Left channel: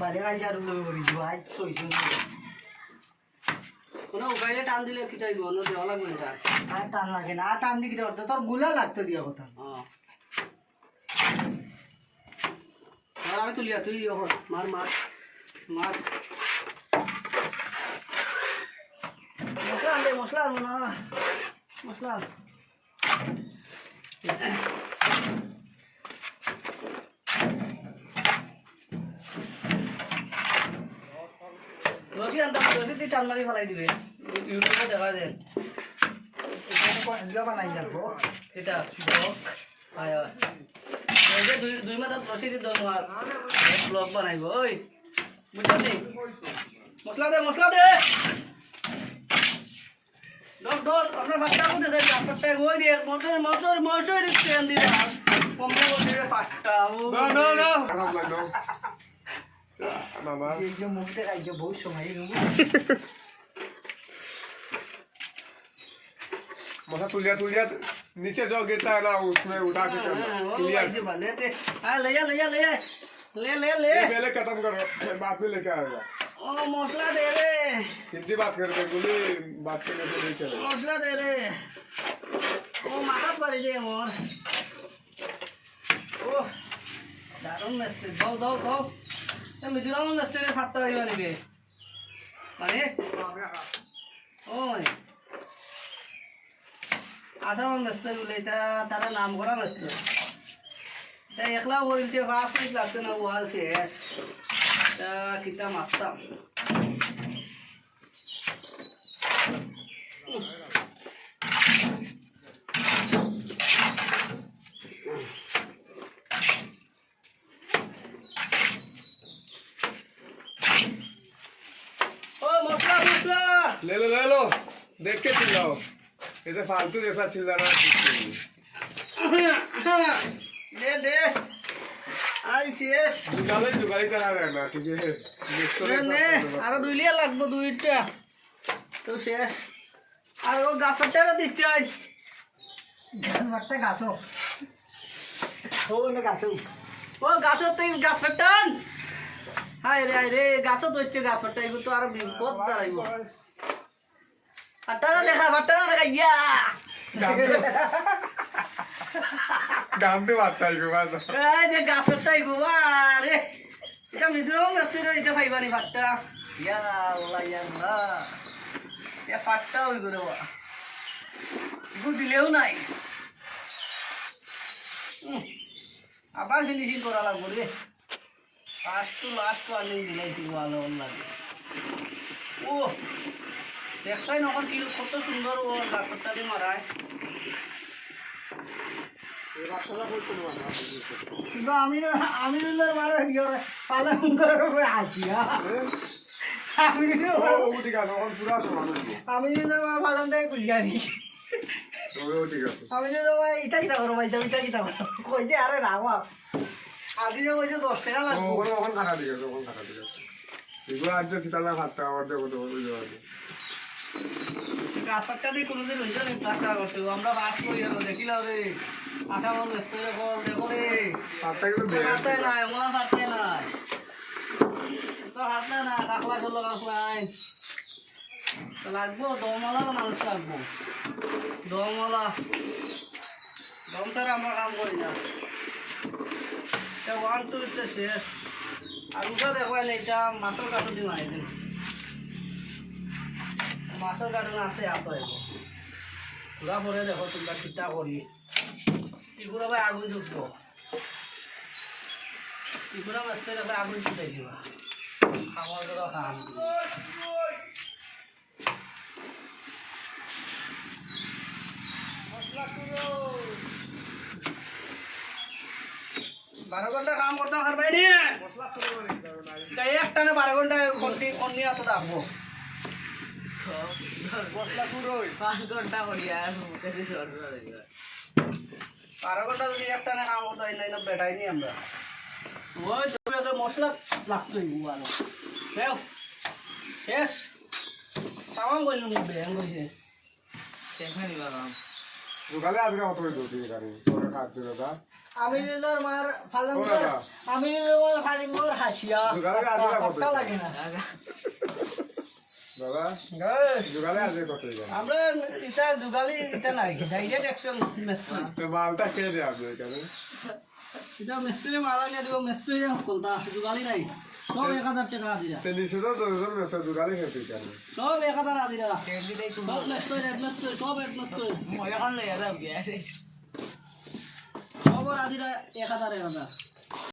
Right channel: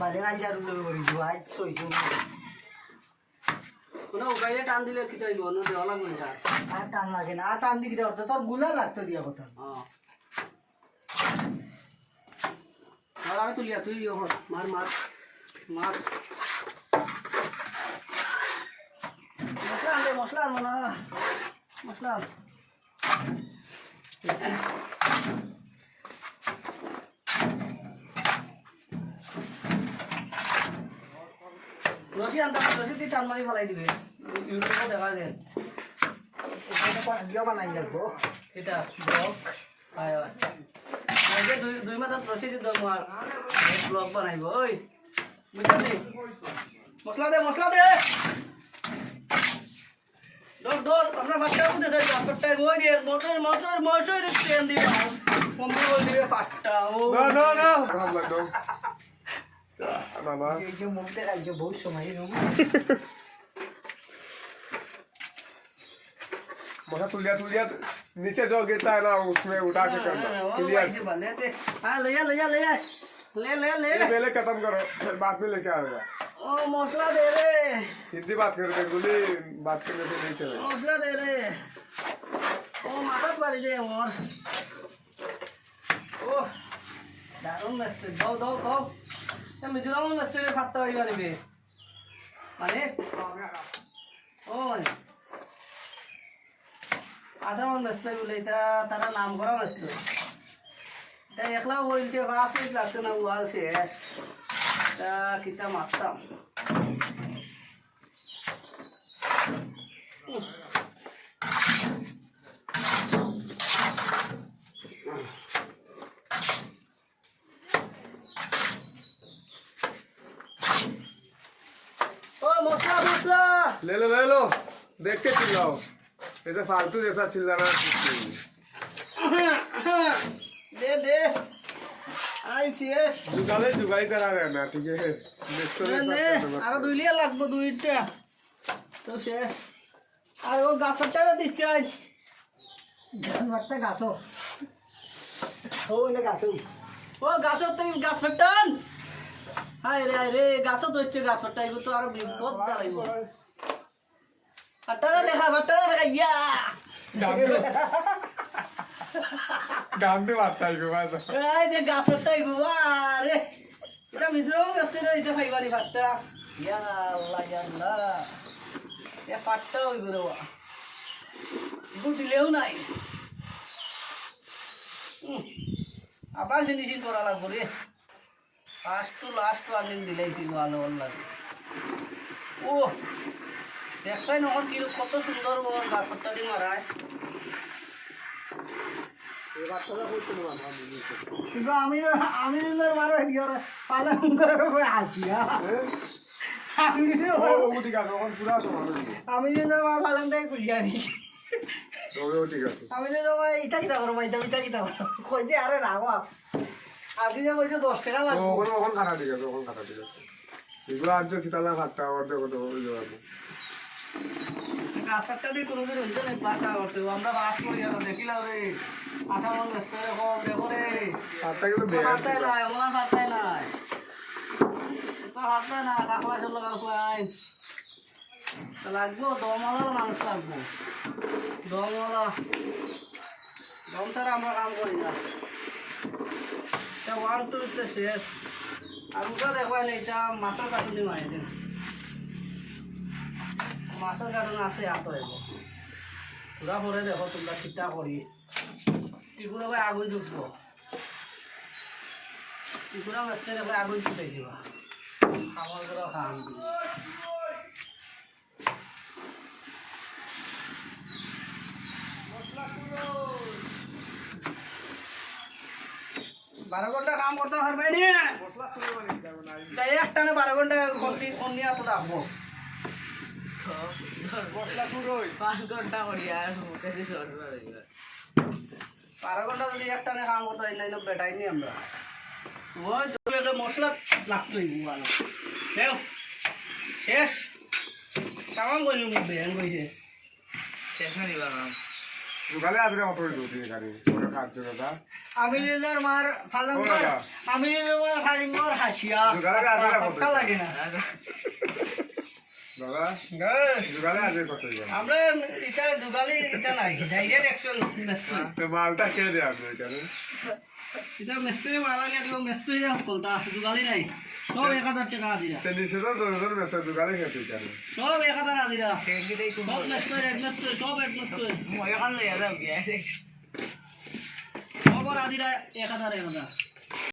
বারে কাজ আর লগে করি আজ সইছো কোনো উপায়ে টান দিলে কি চাইব অন্য দেওয়া লাগবে এটা আর টান লাগে না আর টান দিকে দেওয়া তোর গুলা লাগতো দিয়া কথা আর আমি তুলিয়া তুই মার মার মার মশলা আনলে মশলা আনবো না মশলা রসি আনতাম রসি তুই টান মারি ফেলাই দিবে ইউটিউবে দেখা যায় বানাই লাগবো এটা ব্লগ হয় দুই মাসত রসি দি দম আর ব্লগ বানাইব ওই বুঝলি মশলা দে দর দর আমরা ভাতটা বলতে যাই পাট্টা গোই দিয়ে মোটর স্ট্যান্ড দিবে মম্মি বল দিবে পাট্টা ও না মামা এই যে মুখ দেখাইছো বহুত সময় मजा तुलिया नीचे जो गिरता है ना उसमें उठा के करना तुलिया ऐसे भले थे हां ले ले पहले खत्म करो बाद में लेके आएगा ओ मसला दे रे हिंदी बात कर बेंगोली बात करने से नहीं चलेगा मसला दे रे ओ माथा पड़ी दे मोर ओ दारुण मस्त दो ये मिजोराम मस्त के खाता है वाली बे माने ओ माने আসাম ব্যস্ত বলে তারা নাম করা ব্যস্ত তাই একলা বলছে 5 মিনিট লাগছে না ওয়াল শেষ তা কিতা মারতাম ও মশলা ले लो देख के चिल्लाओ ऐसे फालतू जैसा चिल्लाना दे आई শেষ जुगाली करा लेना तुझे নে আর দুইলিয়া লাগবো দুইটা তো শেষ আর ও গাছটা দিচ্ছে গাছটা গাছো ও না গাছো ও গাছত তুই গাছ ফাটান হায় রে গাছত হচ্ছে গাছ ফাটাইব তো আর বিপদ দাঁড়াইব ফাটাটা দেখা ইয়া गान पे बात आई बात এই যে গাছ ফাটাইব আরে এটা মিজোরাম গাছটা এটা ফাইবানি ফাটা ইয়া আল্লাহ এ ফাটা হই গরে বা দিলেও নাই আবার ফিনিশিং করা লাগবে রে লাস্ট ওয়ার্নিং দিলাইছি ভালো লাগে ও দেখছাই নখন কি কত সুন্দর ও গাছটা দিয়ে মারায় কিন্তু আমি মারো দিও পালন করে আসি আমি যদি পালন দেয় কুলিয়ানি আমি যদি ইটা কিতা করো ভাই ইটা কিতা করো কই যে আরে রাবা আগে যে কইছে 10 টাকা লাগবে ওখানে কাটা দিকে এগুলো আজ কিতালা ভাতটা আবার দেখো তো গাছটা দিয়ে কোনোদিন হইছে না প্লাস্টার করতে আমরা বাস করি দেখিলাম রে আসাম ব্যস্ত দেখো রে ভাতটা কিন্তু দেয় হাতে নাই আমার হাতে নাই তো হাতে না কাকলা চল নাই লাগবো দমওয়ালাও মানুষ লাগবো দমওয়ালা দম ছাড়া আমরা কাম করি না এটা 1 2 এটা শেষ আর ওটা দেখো এটা মাছের কার্টুন দিয়ে বানাইছেন মাছের কার্টুন আছে এত এগো পুরা পরে দেখো তোমরা কিতা করি ত্রিপুরা ভাই আগুন জ্বলবো ত্রিপুরা মাছটা দেখো আগুন ছুটে দিবা খাবার করে খান 12 ঘন্টা কাম করতে হার ভাই নি তাই একটা না 12 ঘন্টা কোন নিয়ে তো থাকবো মশলা পুরোই 5 ঘন্টা করি আর মুখে দিয়ে সরবে 12 ঘন্টা যদি একটা না কাম করতে হয় না বেটাই নি আমরা ওই তো মশলা লাগতোই ভালো শেষ তামাম কইলি মুখ বেন কইছে শেষ না দিবা কাম জোগালে আজকে কত হইল তুই গাড়ি ওরা কাজ দাদা আমিনুলের মার ফালঙ্গর দাদা। আমিনুলের মার ফালঙ্গর হাসিয়া জোগালে আজকে কত পট্টা লাগে না দাদা জোগালে আজকে কত হইল আমরা এটা দুগালি এটা নাই ডাইরেক্ট অ্যাকশন মিস্ত্রি তো মালটা কে দেয় আপনি এখানে এটা মিস্ত্রি মালা নিয়ে দিব মিস্ত্রি কলতা দুগালি নাই সব 1000 টাকা দিরা তো নিচে তো দশজন মেসে জোগালে খেতে এখানে সব 1000 দিরা সব মিস্ত্রি সব এক মিস্ত্রি সব আদিরা 1000